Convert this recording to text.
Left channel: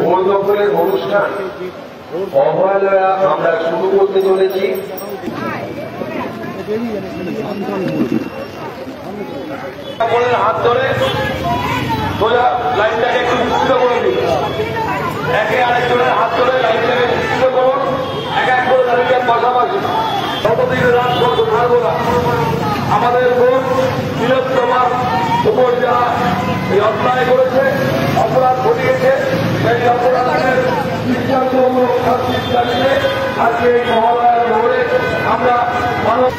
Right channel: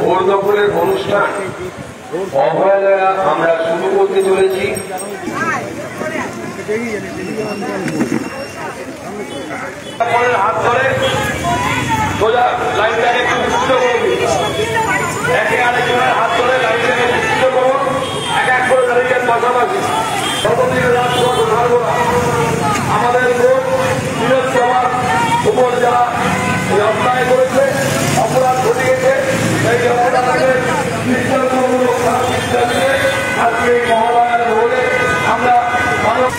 ভোর দুপুরের অনুষ্ঠান অভয়ালয়া আমরা শুরু করতে চলেছি। হাত ধরে সোজা লাইনটাকে সুস্থ করে দিন। একে আরেকজনের হাত ধরে লাইনটাকে সুস্থ করুন, এক এক করে লাইনটার পাশাপাশি। ততদিনে রাজপথ ছাড়বো না। আমাদের ভোট বৃহত্তমার উপর যারা এই অন্যায় করেছে, অপরাধ ঘটিয়েছে, সেই অপরাধের দৃষ্টান্তমূলক শাস্তির দাবিতে আজকে এই মহালয়ার ভোটে আমরা মানব